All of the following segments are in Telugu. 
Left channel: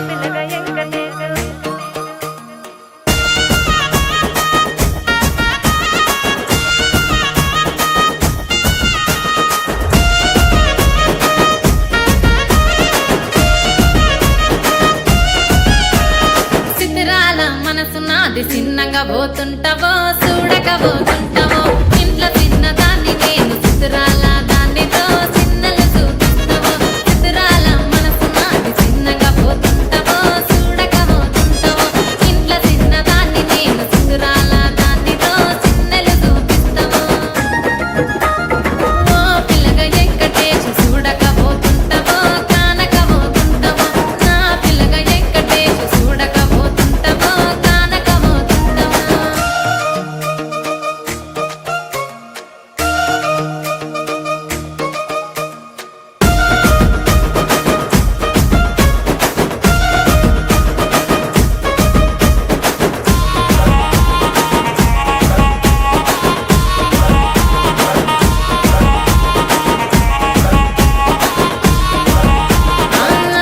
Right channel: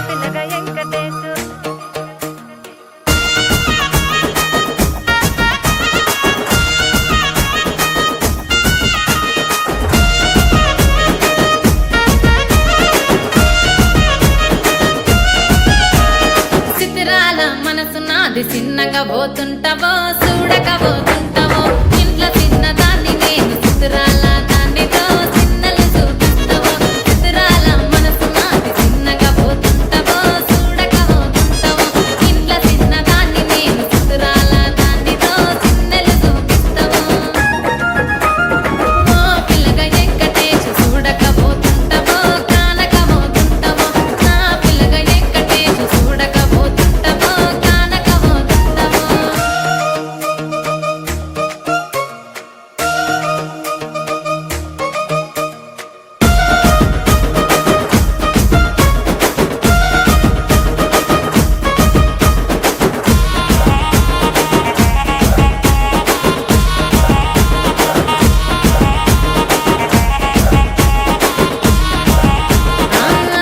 పిల్లగా వెంకటేశు చిత్రాల మనసు నాది చిన్నగా పోతుంటావో చూడకపోతుంటావో ఇంట్లో చిన్నదాన్ని నేను చిత్రాల దాన్నితో చిన్నలు చూపిస్తావో చిత్రాల మనసు నాది చిన్నగా పోతుంటావో చూడకపోతుంటావో ఇంట్లో చిన్నదాన్ని నేను చిత్రాల దాన్నితో చిన్నలు చూపిస్తావో ఓ పిల్లగా వెంకటేశు చూడకపోతుంటావో కానకపోతుంటావో నా పిల్లగా వెంకటేశు చూడకపోతుంటావో కానకపోతుంటావో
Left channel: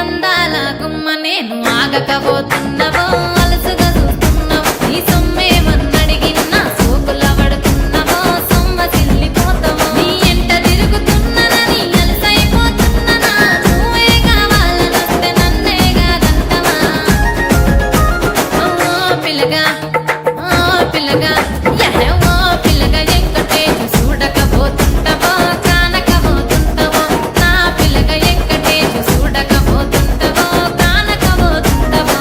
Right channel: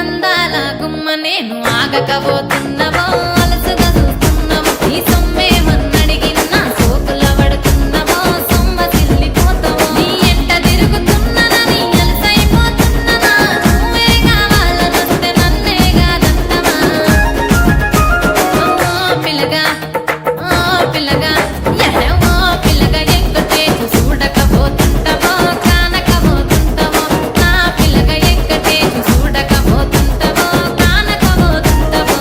అందాల గుమ్మ నేను ఆగకపోతున్నవో అలసుగా చూస్తున్నవో నీ సొమ్మేమన్నడిగిన్నా సోకుల పడుతున్నవో సొమ్మ సిల్లిపోతావో నీ ఎంట తిరుగుతున్ననని అలసైపోతున్ననా నువ్వే కావాలనొస్తే నన్నే కాదంటవా ఓ పిల్లగా ఓ పిల్లగా ఓ పిల్లగా వెంకటేశు చూడకపోతుంటావో కానకపోతుంటావో నా పిల్లగా వెంకటేశు చూడకపోతుంటావో కానకపోతుంటావో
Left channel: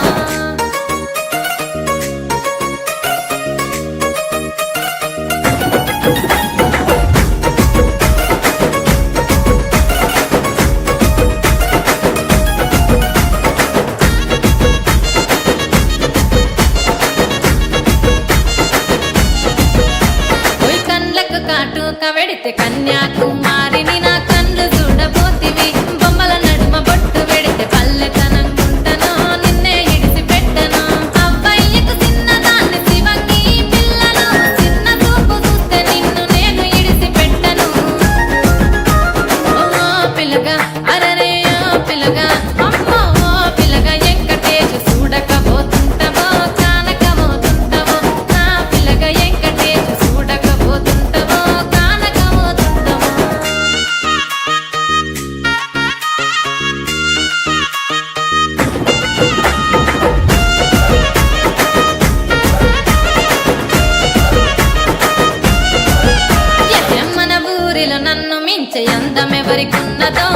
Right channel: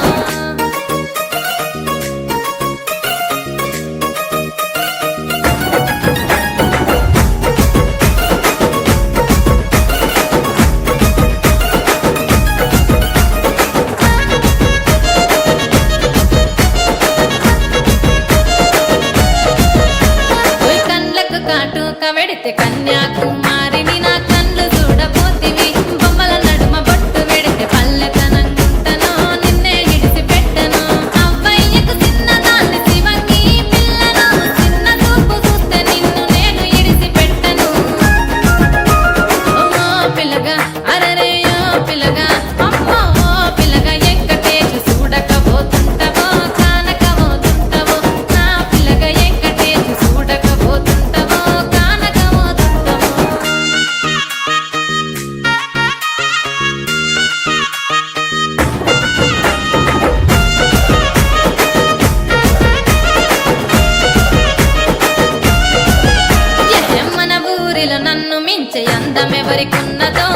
ఓయ్ కండ్లకు కాటుక వెడితే కన్యాకుమారిని నా కండ్లు చూడపోతివి బొమ్మల నడుమ బొట్టు వెడితే పల్లెతనంగుంటను నిన్నే ఇడిసి పెట్టను అవ్వయ్యకు చిన్నదాన్ని శివంగి పిల్లను చిన్న చూపు చూస్తే నిన్ను నేను ఇడిసి పెట్టను ఓ పిల్లగా అరరే ఓ పిల్లగా అమ్మో ఓ పిల్లగా వెంకటేశు చూడకపోతుంటావో కానకపోతుంటావో నా పిల్లగా వెంకటేశు చూడకపోతుంటావో కానకపోతుంటావో మన ఊరిలో నన్ను మించే అందమెవరికున్నదో